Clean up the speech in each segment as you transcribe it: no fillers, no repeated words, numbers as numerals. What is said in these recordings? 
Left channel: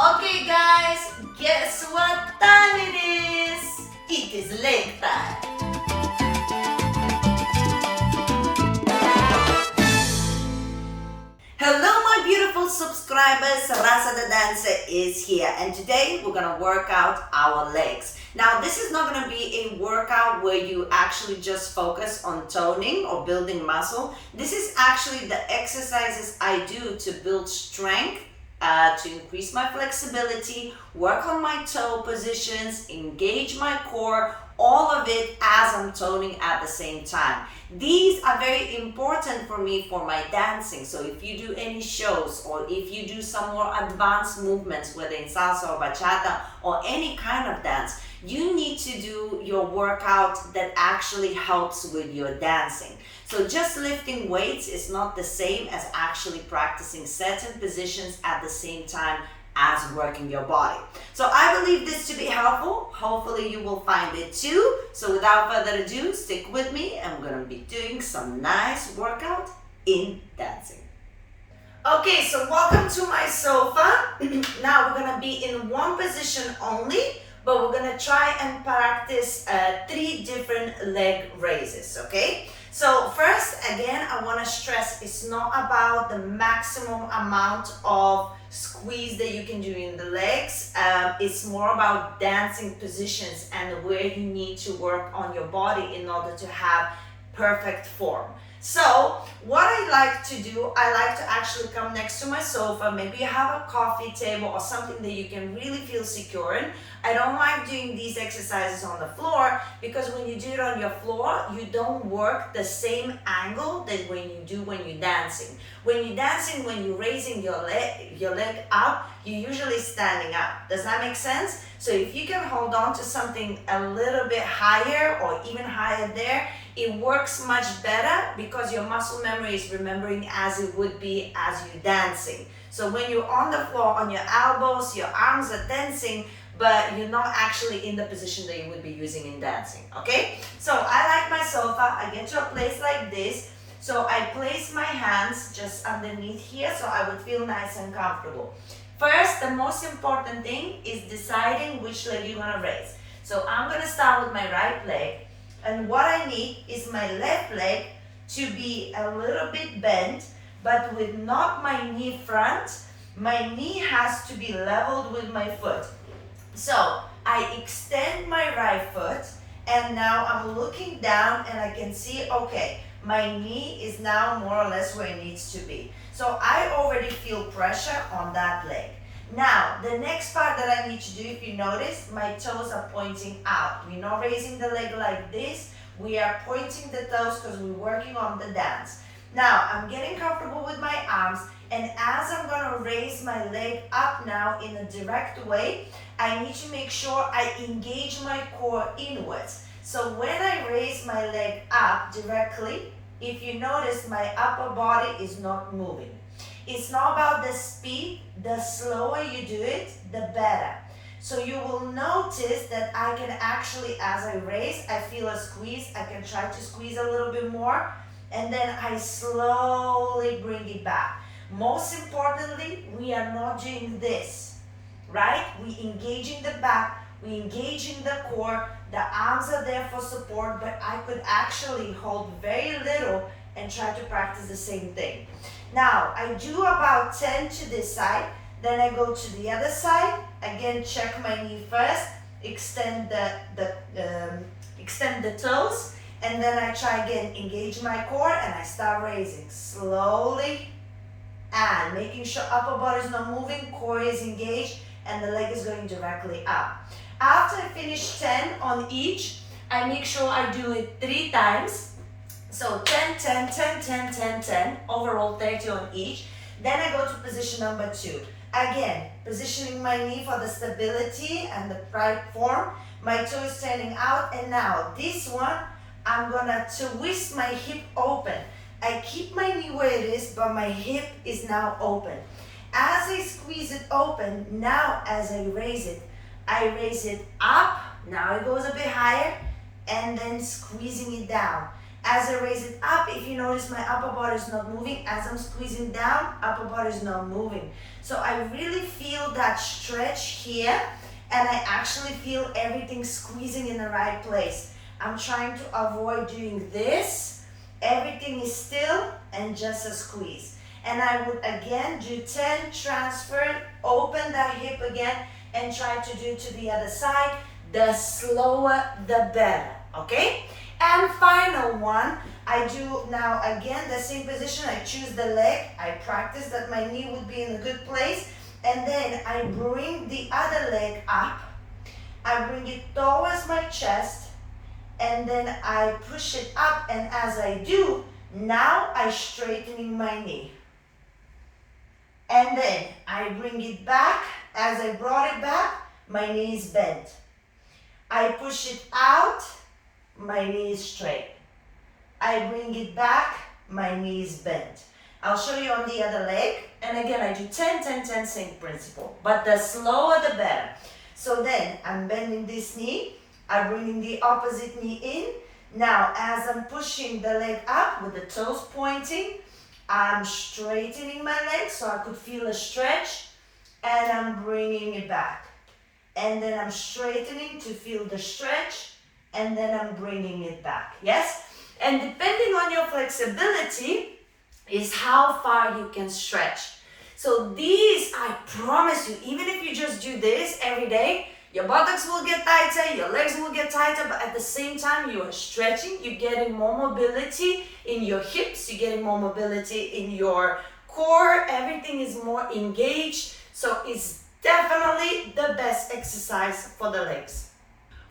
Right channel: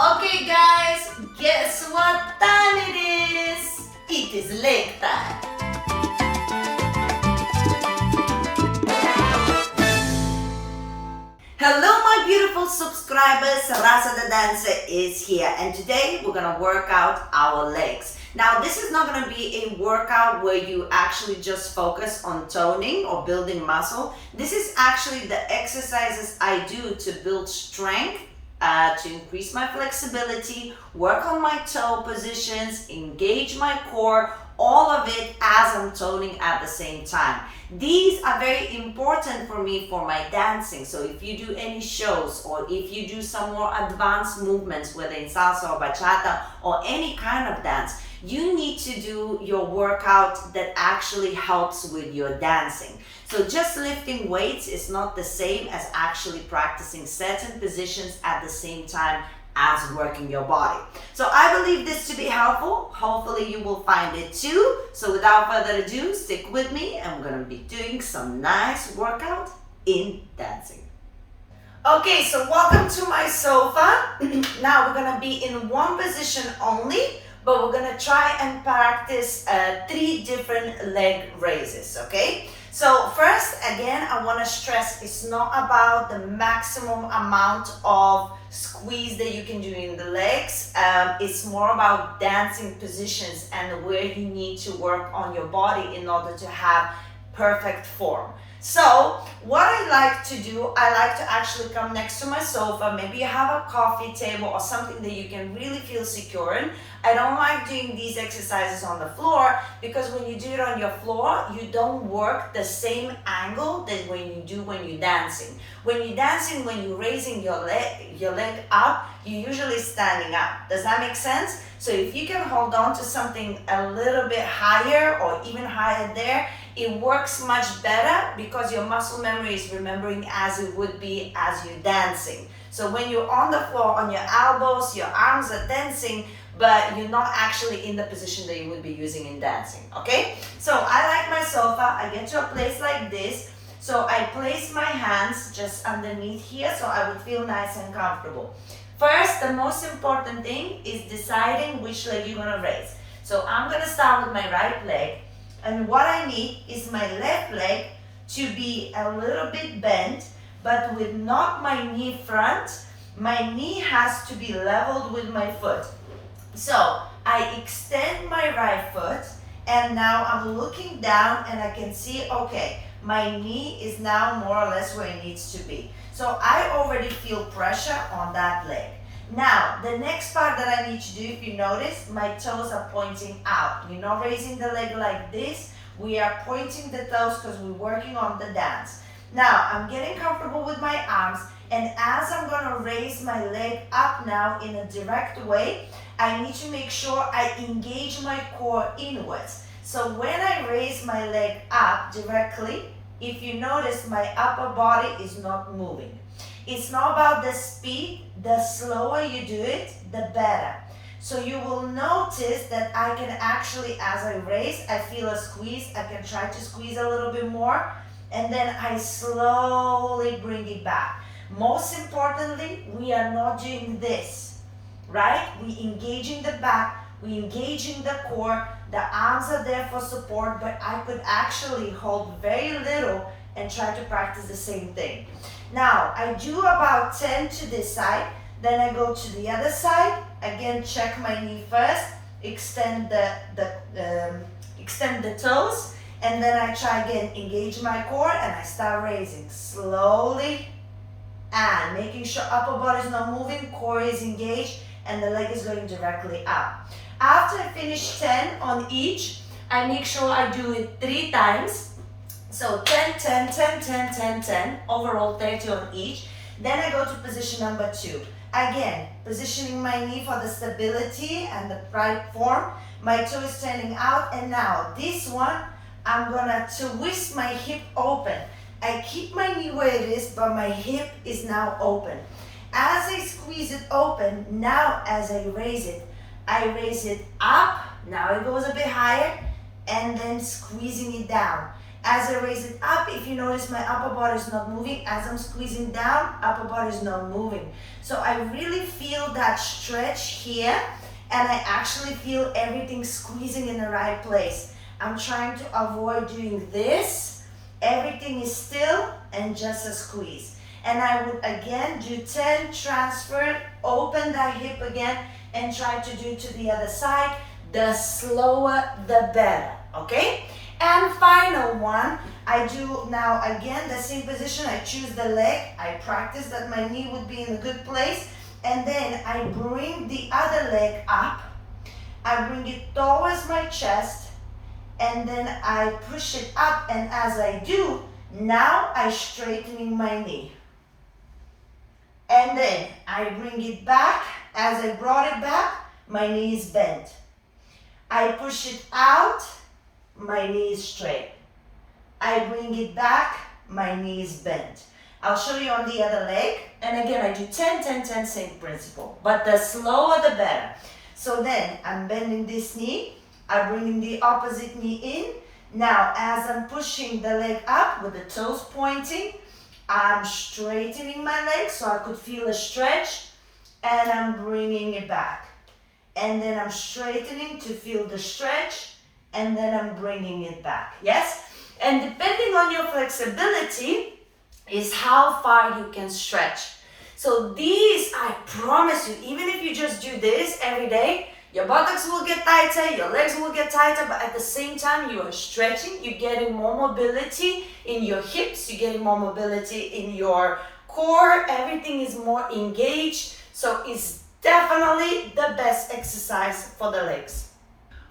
Okay guys, guess what time it is? It is leg time. Hello my beautiful subscribers, Rasa the dancer is here and today we're gonna work out our legs. Now this is not gonna be a workout where you actually just focus on toning or building muscle. This is actually the exercises I do to build strength, to increase my flexibility, work on my toe positions, engage my core, all of it as I'm toning at the same time. These are very important for me for my dancing. So if you do any shows or if you do some more advanced movements, whether in salsa or bachata or any kind of dance, you need to do your workout that actually helps with your dancing. So just lifting weights is not the same as actually practicing certain positions at the same time as working your body. So I believe this to be helpful. Hopefully you will find it too. So without further ado, stick with me and we're gonna be doing some nice workout in dancing. Okay, so welcome to my sofa. Now we're gonna be in one position only, but we're gonna try and practice 3 different leg raises, okay? So first, again, I wanna stress it's not about the maximum amount of squeeze that you can do in the legs. It's more about dancing positions and where you need to work on your body in order to have perfect form. So what I like to do, I like to actually come next to my sofa. Maybe you have a coffee table or something that you can really feel secure in. I don't like doing these exercises on the floor because when you do it on your floor, you don't work the same angle that when you do when you're dancing. When you're dancing, when you're raising your leg up, you're usually standing up. Does that make sense? So if you can hold on to something a little bit higher or even higher there, it works much better because your muscle memory is remembering as it would be as you're dancing. So when you're on the floor, on your elbows, your arms are tensing, but you're not actually in the position that you would be using in dancing, okay? So I like my sofa. I get to a place like this. So I place my hands just underneath here so I would feel nice and comfortable. First, the most important thing is deciding which leg you're gonna raise. So I'm gonna start with my right leg. And what I need is my left leg to be a little bit bent, but with not my knee front. My knee has to be leveled with my foot. So I extend my right foot and now I'm looking down and I can see, okay, my knee is now more or less where it needs to be. So I already feel pressure on that leg. Now, the next part that I need to do, if you notice, my toes are pointing out. We're not raising the leg like this. We are pointing the toes because we're working on the dance. Now, I'm getting comfortable with my arms, and as I'm going to raise my leg up now in a direct way, I need to make sure I engage my core inwards. So when I raise my leg up directly, if you notice, my upper body is not moving. It's not about the speed. The slower you do it, the better. So you will notice that I can actually, as I raise, I feel a squeeze. I can try to squeeze a little bit more, and then I slowly bring it back. Most importantly, we are not doing this, right? We engage in the back, we engage in the core, the arms are there for support, but I could actually hold very little and try to practice the same thing. Now, I do about 10 to this side, then I go to the other side, again check my knee first, extend the toes, and then I try again, engage my core, and I start raising slowly and making sure upper body is not moving, core is engaged, and the leg is going directly up. After I finish 10 on each, I make sure I do it 3 times. So 10, 10, 10, 10, 10, 10, overall 30 on each. Then I go to position number 2. Again, positioning my knee for the stability and the right form. My toe is standing out, and now this one, I'm gonna twist my hip open. I keep my knee where it is, but my hip is now open. As I squeeze it open, now as I raise it up, now it goes a bit higher, and then squeezing it down. As I raise it up, if you notice my upper body is not moving. As I'm squeezing down, upper body is not moving. So I really feel that stretch here, and I actually feel everything squeezing in the right place. I'm trying to avoid doing this. Everything is still and just a squeeze. And I would again do 10, transfer, open that hip again, and try to do to the other side. The slower, the better, okay? And final one, I do now again the same position. I choose the leg. I practice that my knee would be in a good place. And then I bring the other leg up. I bring it towards my chest. And then I push it up. And as I do, now I'm straightening my knee. And then I bring it back. As I brought it back, my knee is bent. I push it out, my knee is straight. I bring it back, my knee is bent. I'll show you on the other leg. And again, I do 10, 10, 10, same principle. But the slower, the better. So then, I'm bending this knee. I'm bringing the opposite knee in. Now, as I'm pushing the leg up with the toes pointing, I'm straightening my leg so I could feel a stretch. And I'm bringing it back. And then I'm straightening to feel the stretch. And then I'm bringing it back. Yes? And depending on your flexibility is how far you can stretch. So these, I promise you, even if you just do this every day, your buttocks will get tighter, your legs will get tighter, but at the same time you are stretching, you're getting more mobility in your hips, you're getting more mobility in your core, everything is more engaged. So it's definitely the best exercise for the legs.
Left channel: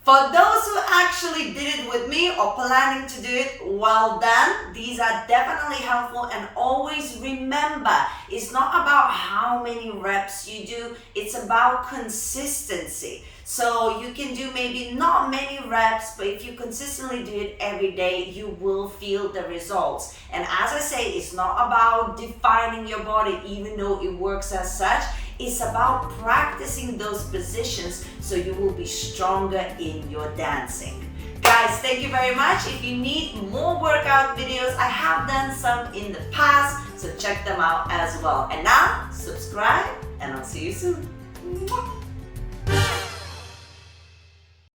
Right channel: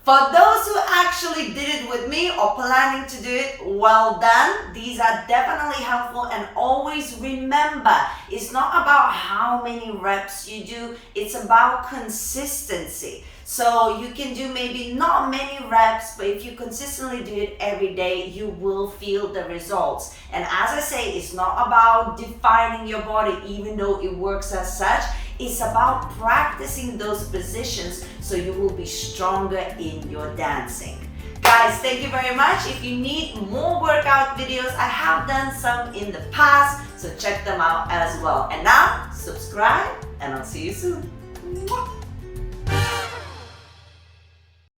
For those who actually did it with me or planning to do it, well done. These are definitely helpful, and always remember, it's not about how many reps you do, it's about consistency. So you can do maybe not many reps, but if you consistently do it every day, you will feel the results. And as I say, it's not about defining your body, even though it works as such. It's about practicing those positions so you will be stronger in your dancing. Guys, thank you very much. If you need more workout videos, I have done some in the past, so check them out as well. And now, subscribe, and I'll see you soon.